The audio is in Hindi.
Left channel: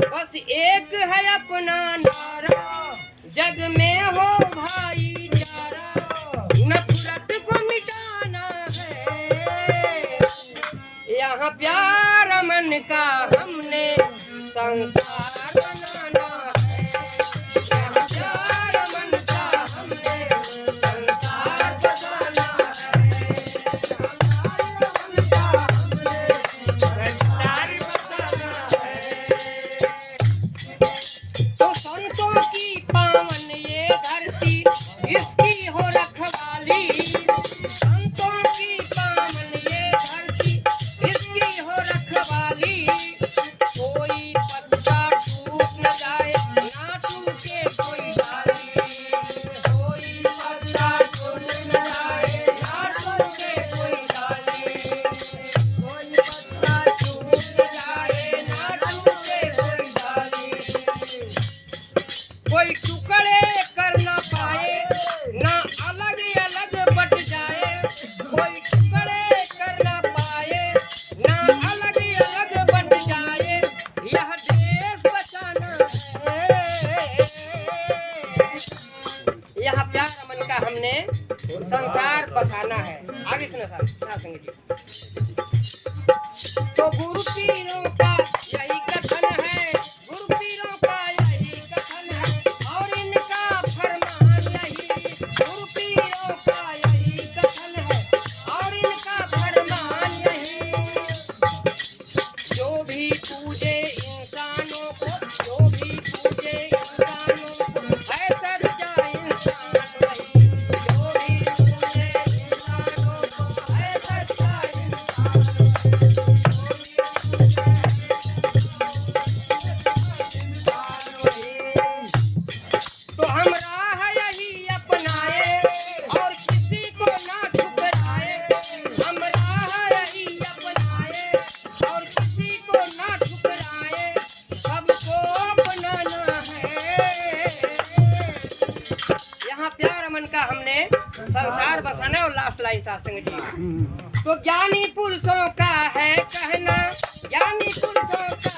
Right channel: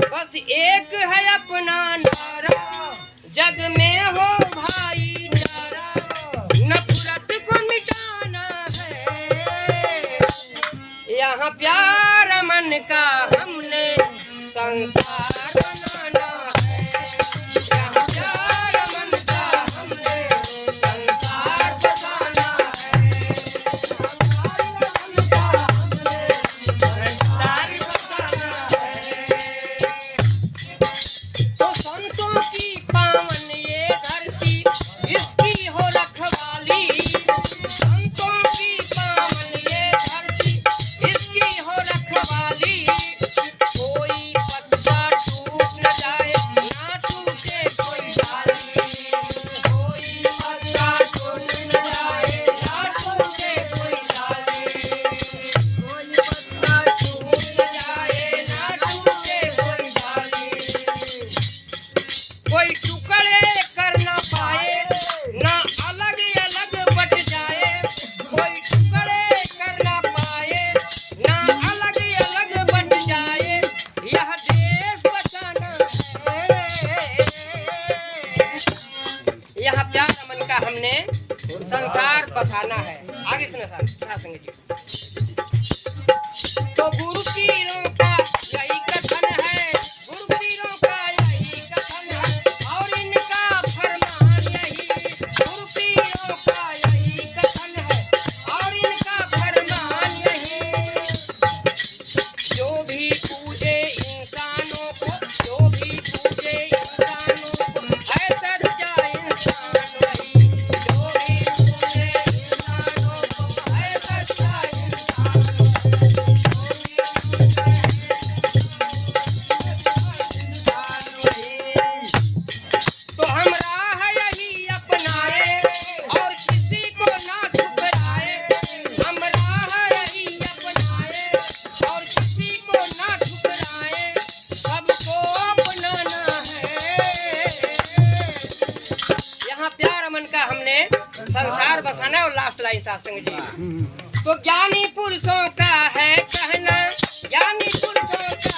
बस एक है अपना नारा, जग में हो भाईचारा, नफरत को मिटाना है। यहाँ प्यार अमन का हमने संसार बनाना है। यहाँ प्यार अमन का हमने संसार बनाना है। तो संतों की पावन ये धरती, इसकी हो रखवाली। संतों की पावन ये धरती, इसकी हो रखवाली। कोई पत्ता टूट न जाए, ना टूटे कोई डाली। कोई पत्ता टूट न जाए, ना टूटे कोई डाली। कोई पत्ता टूट न जाए, ना टूटे कोई डाली। कोई टुकड़े कर ना पाए, ना अलग अलग बट जाए। कोई टुकड़े कर ना पाए, ना अलग अलग बट जाए। यह देश बचाना है। यह प्यार अमन का हमने संसार बसाना है। आगे सुनो साहब संग जी। तो गुरु पीरों का यही कथन है, गुरु पीरों का यही कथन है, और इनका फरमान यही। गुरु पीरों का यही कथन है, और इनका फरमान यही। जो भी पूजे इंसानों को, जो भी पूजे इंसानों को, है सच्चा इंसान वही। जो भी पूजे इंसानों को, है सच्चा इंसान वही। तो हम राह यही अपनाए, और किसी को ना ठुकराए। हम राह यही अपनाए, और किसी को ना ठुकराए। सबको अपनाना है। यहाँ प्यार अमन का हमने संसार बसाना है। और लास्ट लाइन सत्संग जी। तो ज्ञानी पुरुषों का है कहना, ज्ञानी पुरुषों का